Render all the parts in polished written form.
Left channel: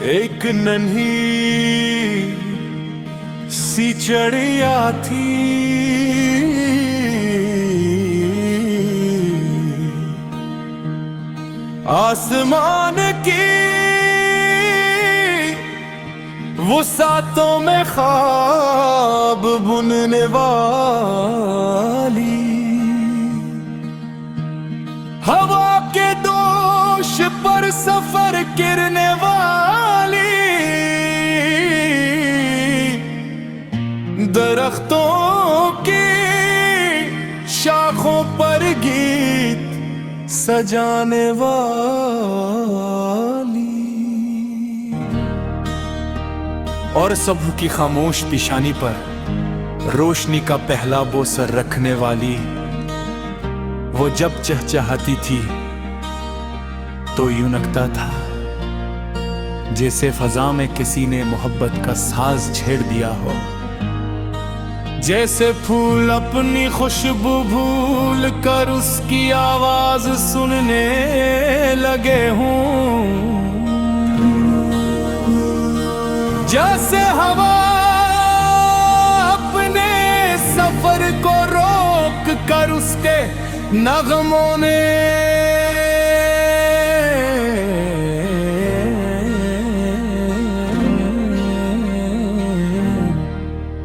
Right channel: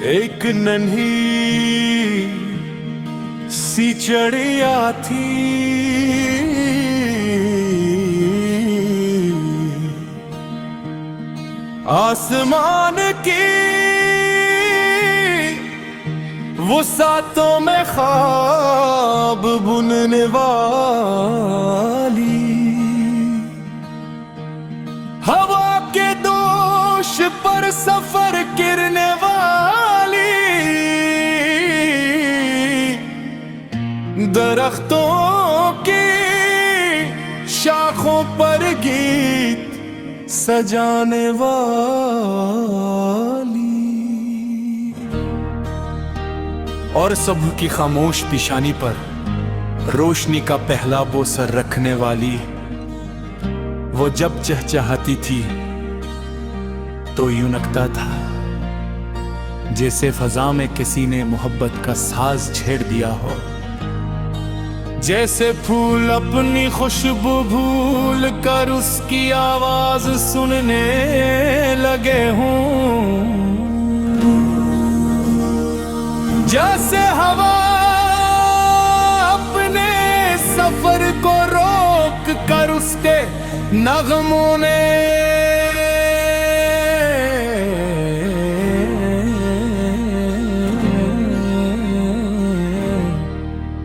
एक नन्ही सी चिड़िया थी, आसमान की वो सातों में ख्वाब बुनने वाली, हवा के दोष पर सफर करने वाली, दरख्तों की शाखों पर गीत सजाने वाली, और सुबह की खामोश पेशानी पर रोशनी का पहला बोसर रखने वाली। वो जब चहचहाती थी तो यूं लगता था जैसे फजा में किसी ने मोहब्बत का साज छेड़ दिया हो, जैसे फूल अपनी खुशबू भूल कर उसकी आवाज सुनने लगे हों, जैसे हवा अपने सफर को रोक कर उसके नगमों ने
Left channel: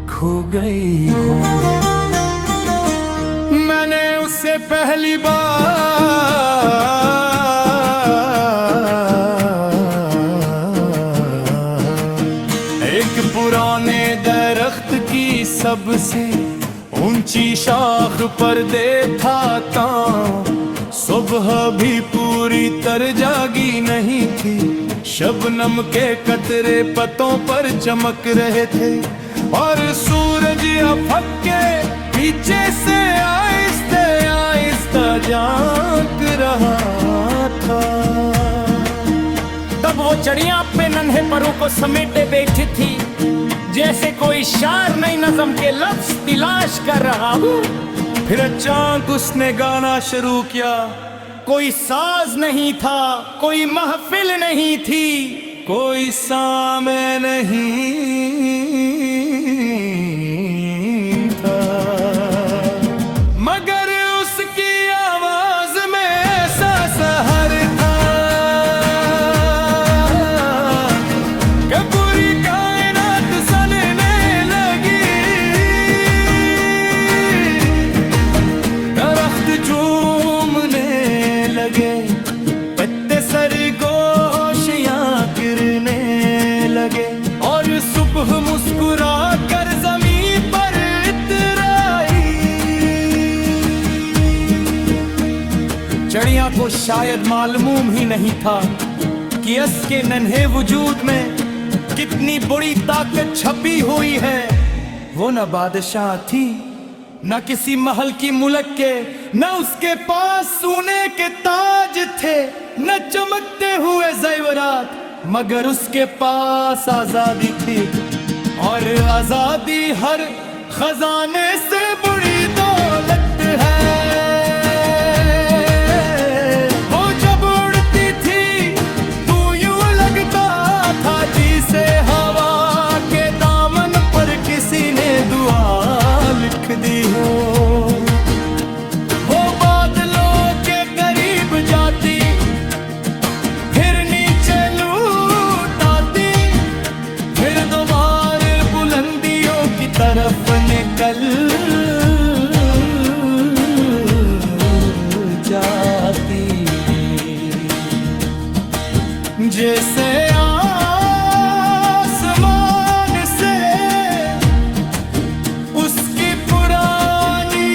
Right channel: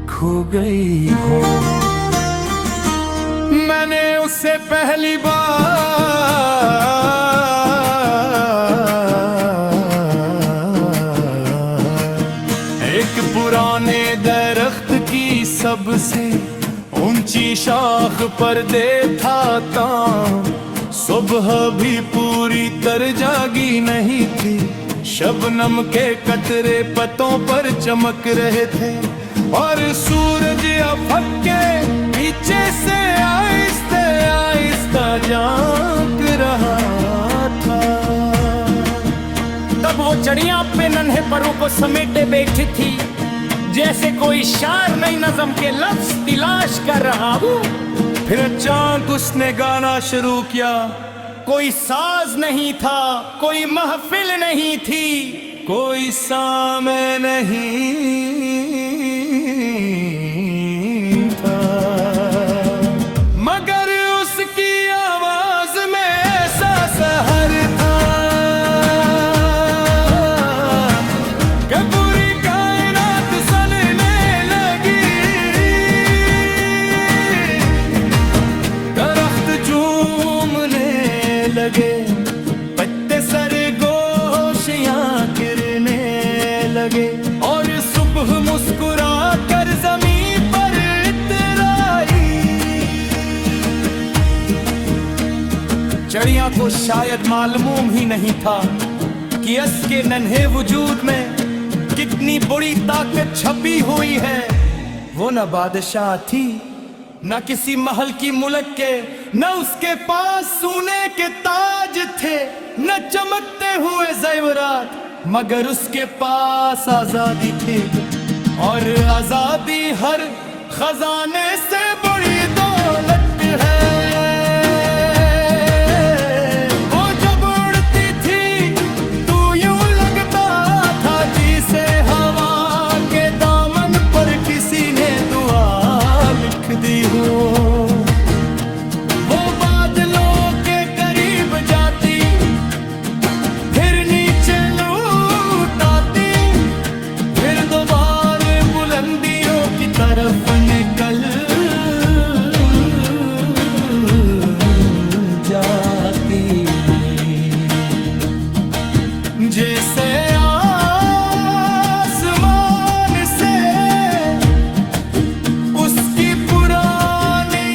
खो गई हो। मैंने उससे पहली बार एक पुराने दरख्त की सबसे ऊंची शाख पर देखा था। सुबह भी पूरी तरह जागी नहीं थी, शबनम के कतरे पत्तों पर चमक रहे थे, और सूरज अफक के पीछे से आहिस्ते आहिस्ता झांक रहा था। तब वो चिड़िया अपने नन्हे परों को समेटे बैठी थी, जैसे कोई शायर नई नज़म के लफ्ज तलाश कर रहा हो। फिर अचानक उसने गाना शुरू किया। कोई साज नहीं था, कोई महफिल नहीं थी, कोई सामे नहीं था, मगर उसकी आवाज में ऐसा सहर था कि पूरी कायनात सनने लगी। दरख्त झूमने लगे, पत्ते सरगोशियां गिरने लगे, और सुबह मुस्कुरा कर जमीन पर इतराई। चिड़िया को शायद मालूम ही नहीं था कि इसके नन्हे वजूद में कितनी बड़ी ताकत छपी हुई है। वो न बादशाह थी, न किसी महल की मुल्क के, न उसके पास सोने के ताज थे, न चमकते हुए ज़ेवरात, मगर उसके पास आजादी थी, और आजादी हर खजाने से बड़ी दौलत है। वो जब उड़ती थी तो यूं लगता था जैसे हवा के दामन पर किसी ने दुआ लिख दी हो। वो बादलों के करीब जाती, फिर नीचे लौट आती, फिर दोबारा बुलंदियों की तरफ निकल जाती, जैसे आसमान से उसकी पुरानी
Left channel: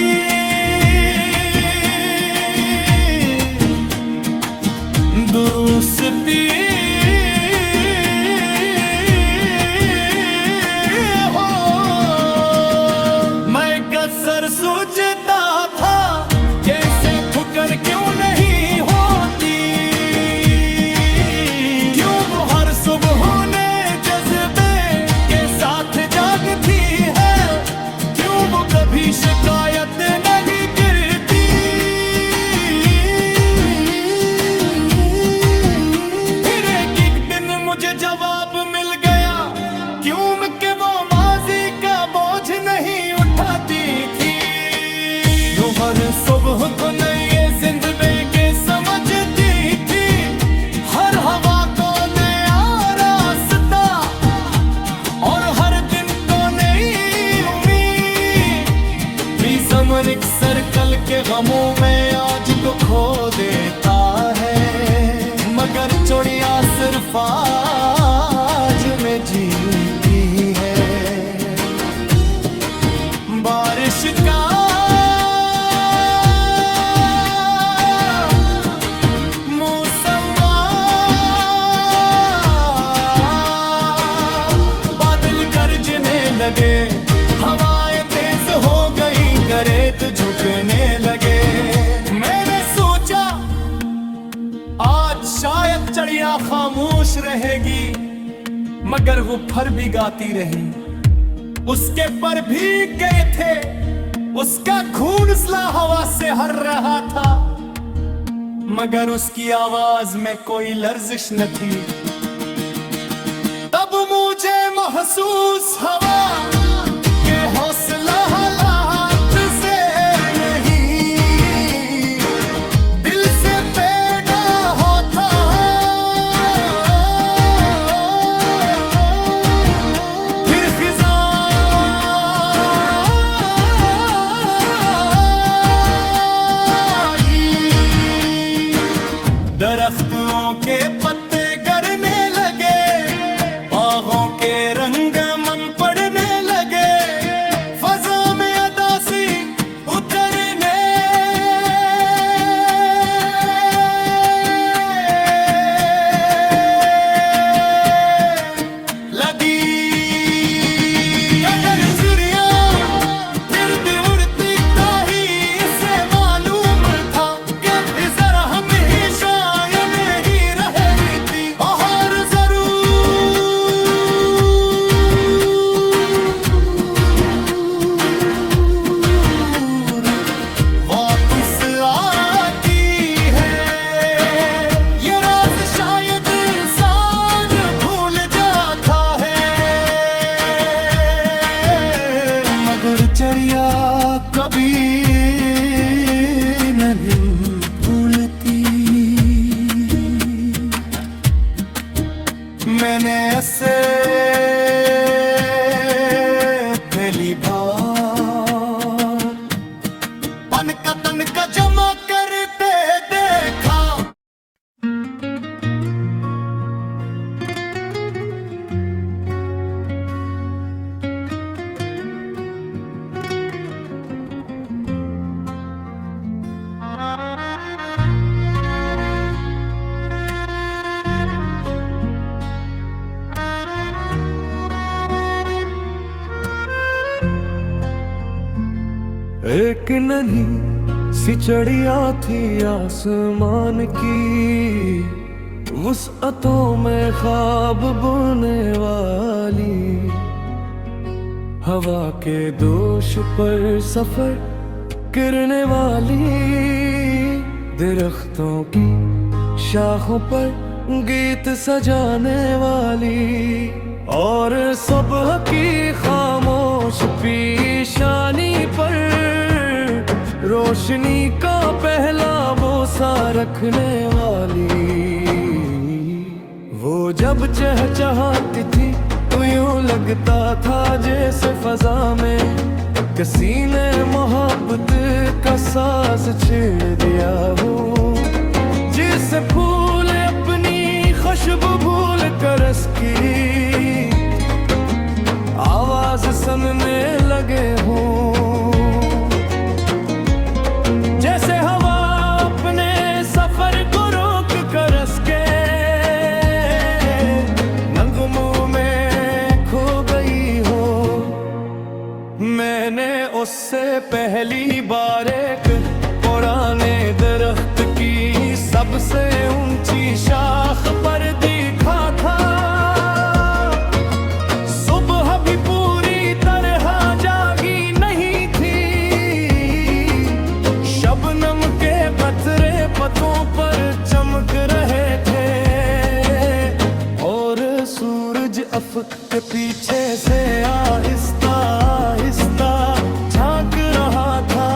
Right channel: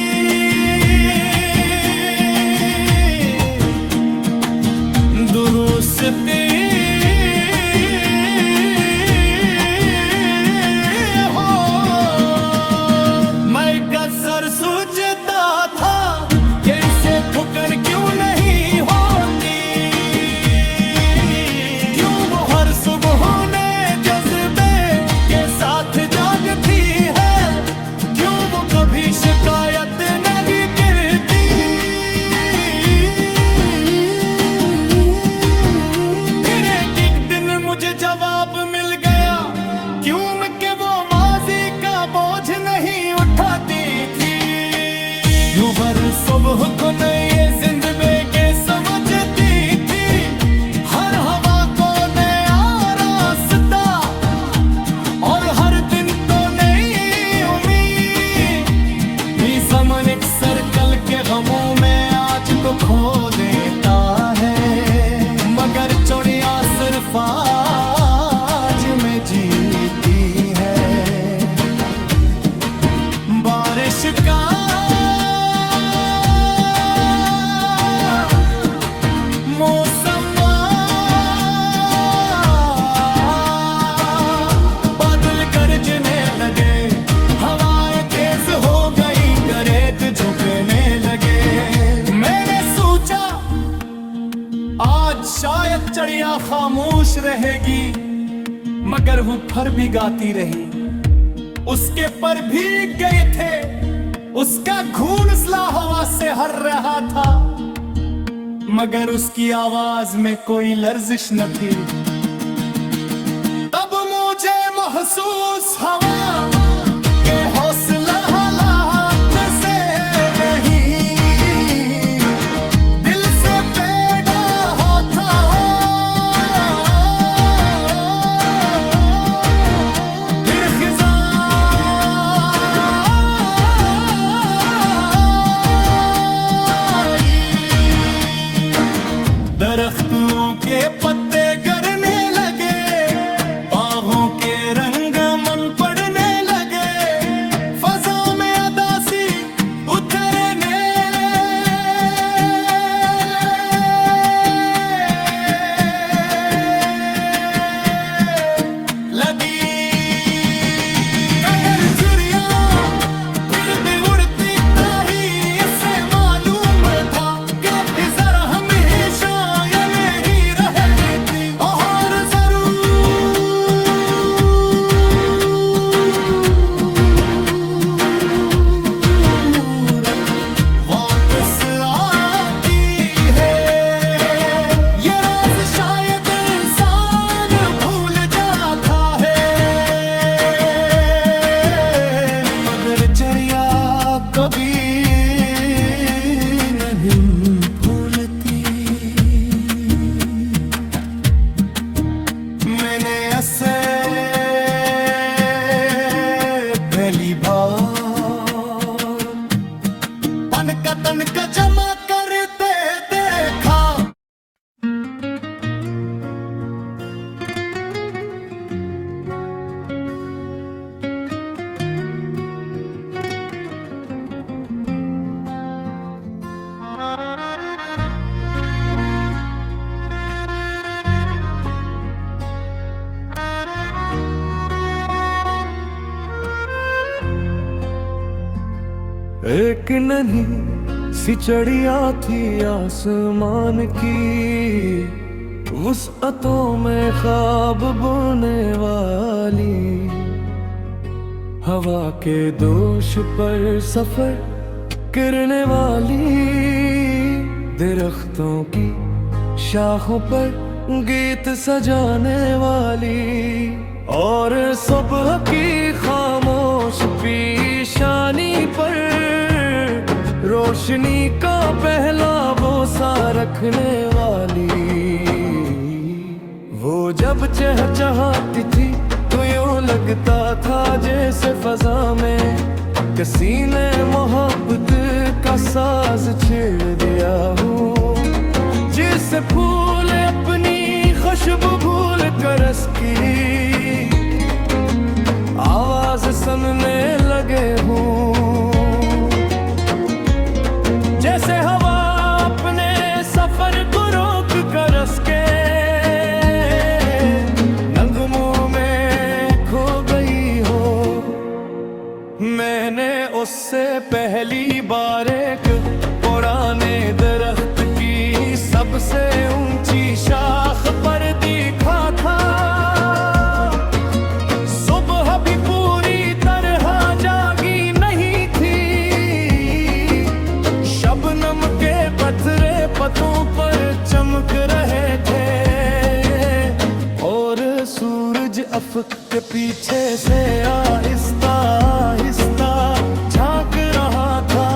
दुरुस्ती हो। मैं अक्सर सोचता था कैसे ठुकर क्यों नहीं होती, क्यों वो हर सुबह ने जज्बे के साथ जागती है, क्यों वो कभी शिकायत नहीं करती। अफवाज में जीती है। बारिश का मौसम बादल गरजने लगे, हवाएं तेज हो गई, गरेत झुकने लगे। मैंने सोचा आज शायद चिड़िया खामोश रहेगी, मगर वो फिर भी गाती रही। उसके पर भीग गए थे, उसका घूंसला हवा से हर रहा था, मगर उसकी आवाज में कोई लर्जिश न थी। तब मुझे महसूस हवा के हौसला हालात से नहीं, दिल से पैदा होता। फिर खिज़ा दरख्तों के पत्ते गिरने लगे, बागों के रंग मन पड़ने लगे, फजा में अदासी उतरने लगी। अगर चिड़िया गिरद उड़ती ताही, इससे मालूम था कि इधर हमेशा चिड़िया कभी नहीं भूलती। मैंने ऐसे पहली बार तन का जमा करते देखा। एक नन्ही सी चिड़िया थी आसमान की, वुसअतों में ख्वाब बुनने वाली, हवा के दोष पर सफर करने वाली, दरख्तों की शाखों पर गीत सजाने वाली, और सुबह की खामोश पेशानी पर रोशनी का पहला बोसा रखने वाली। वो जब चहचहाती थी तो यूं लगता था जैसे फजा में किसी ने मोहब्बत का साज छेड़ दिया हो, जिससे फूल अपनी खुशबू भूल कर उसकी आवाज सुनने लगे हों। जैसे हवा अपने सफर को रोक कर उसके नगमों में खो गई हो। मैंने उससे पहली बार एक पुराने दरख्त की सबसे ऊंची शाख पर देखा था। सुबह भी पूरी तरह जागी नहीं थी, शबनम के पत्थरे पतों पर चमक रहे थे, और सूरज अफक के पीछे से आहिस्ता आहिस्ता झांक रहा था।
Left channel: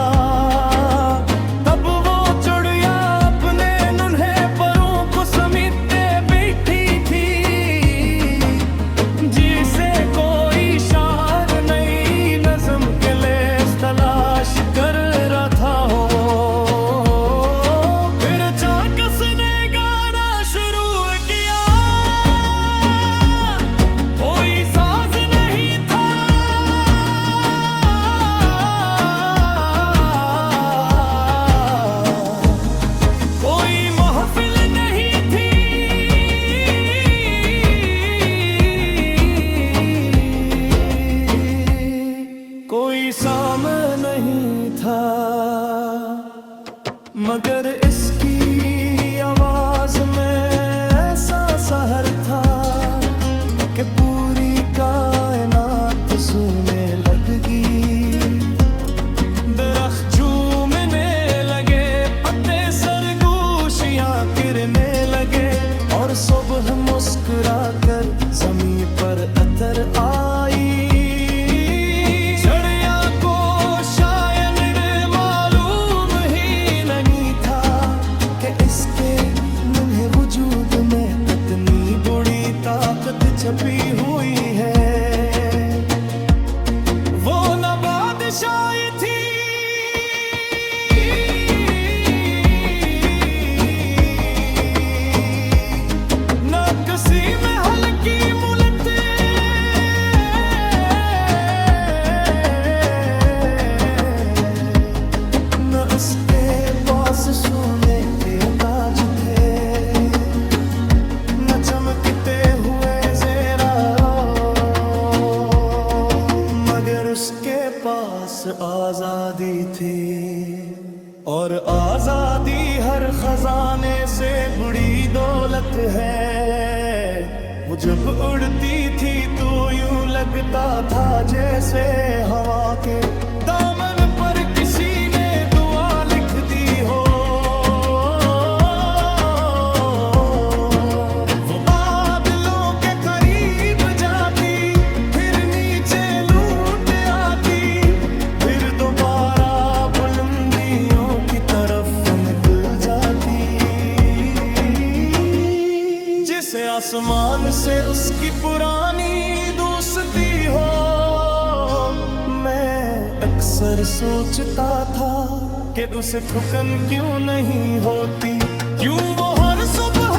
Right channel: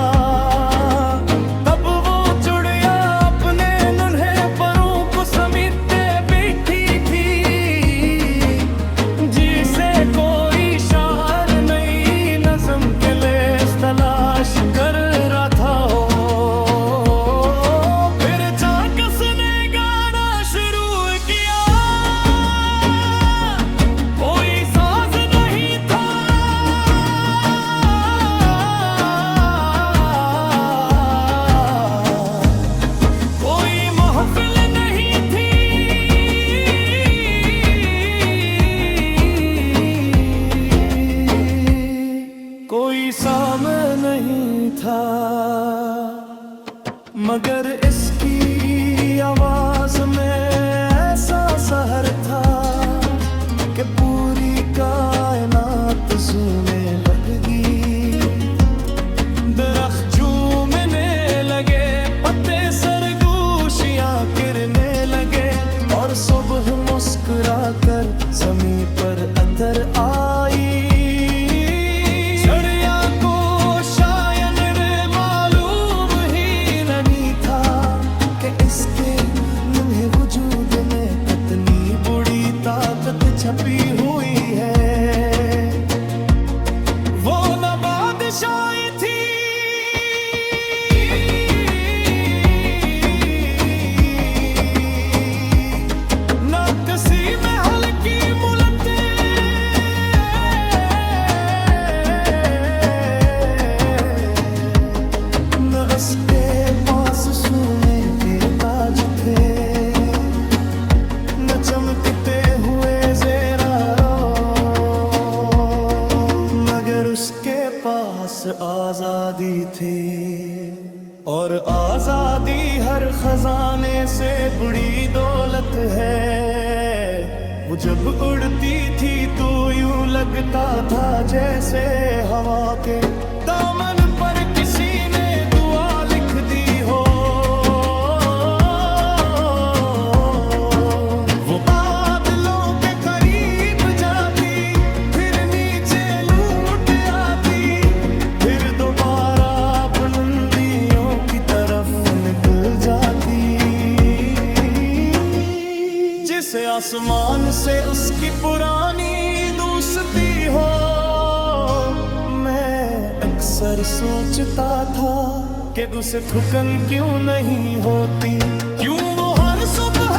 तब वो चिड़िया अपने नन्हे परों को समेटे बैठी थी, जिसे कोई शायर नई नज़्म के लिए तलाश कर रहा था हो। फिर चाकस ने गाना शुरू किया, मगर इसकी आवाज में ऐसा सहर था कि पूरी कायनात सूने लगगी। दरख्त झूमने लगे, पत्ते सरगोशियां गिरने लगे, और सुबह मुस्कुरा कर जमीन पर अतर आई। चिड़िया को शायद मालूम ही नहीं था कि इसके नन्हे वजूद में कितनी बुरी ताकत छपी हुई है। वो न बादशाही थी न किसी महल की मुलते, न उसके पास सोने के ताज थे, न चमकते हुए ज़ेरा, मगर उसके पास आजादी थी। और आजादी हर खजाने से बड़ी दौलत है। वो जब उड़ती थी तो यूं लगता था जैसे हवा के दामन पर किसी ने दुआ लिख दी हो। वो बादलों के करीब जाती, फिर नीचे लूट आती, फिर दोबारा बुलंदियों की तरफ निकल जाती। जिसे आसमान से उसकी पुरानी दोस्ती हो, मैं अक्सर सोचता था कि उसे थकन क्यों नहीं होती, क्यों वो हर सुबह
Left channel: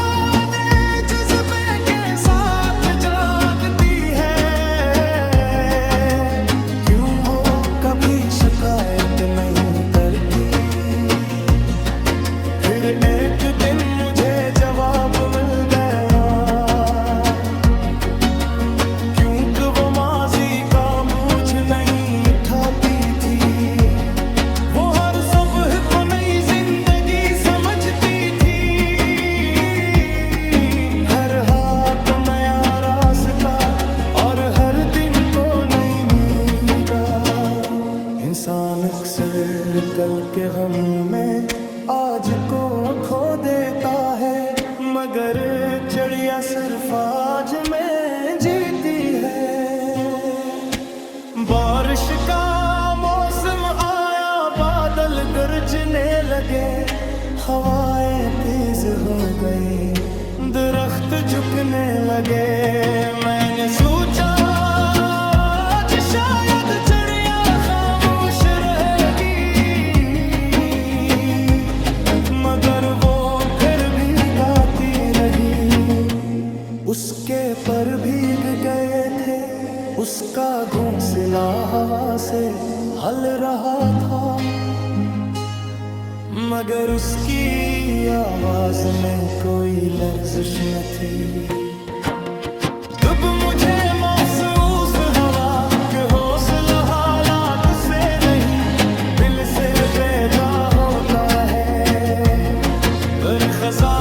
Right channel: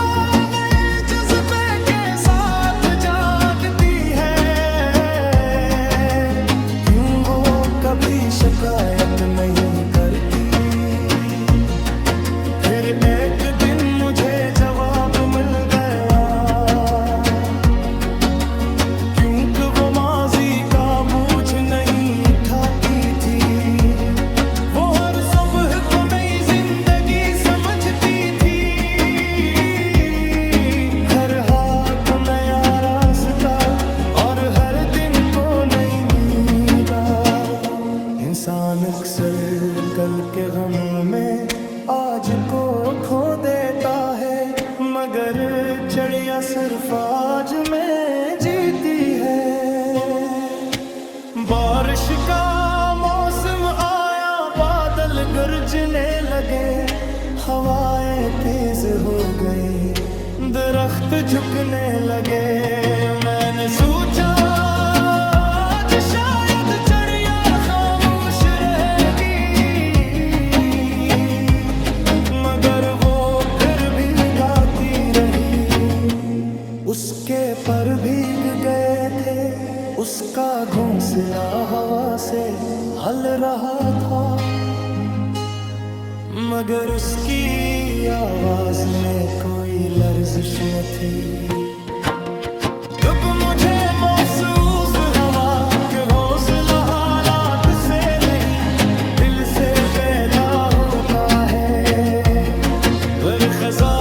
नए जज्बे के साथ जागती है, क्यों वो कभी शिकायत नहीं करती। फिर एक दिन मुझे जवाब मिल गया, क्योंकि वो माजी का बोझ नहीं उठाती थी। वो हर सुबह को नई जिंदगी समझती थी, हर हाथ को नया रास्ता और हर दिन को नई नींदा। इंसान अक्सर कल के गमों में आज को खो देता है, मगर चिड़िया सिर्फ आज में जीती है। बारिश का मौसम आया, बादल गरजने लगे, हवाएं तेज हो गई, दरख्त झुकने लगे। मैंने सोचा आज शायद चिड़िया खामोश रहेगी, मगर वो फिर भी गाती रही। उसके पर भीग गए थे, उसका घोंसला हवा से हल रहा था, मगर उसकी आवाज में कोई लर्जिश न थी। जब मुझे महसूस हवा कि हौसला हालात से नहीं दिल से पैदा होता है, पर खजा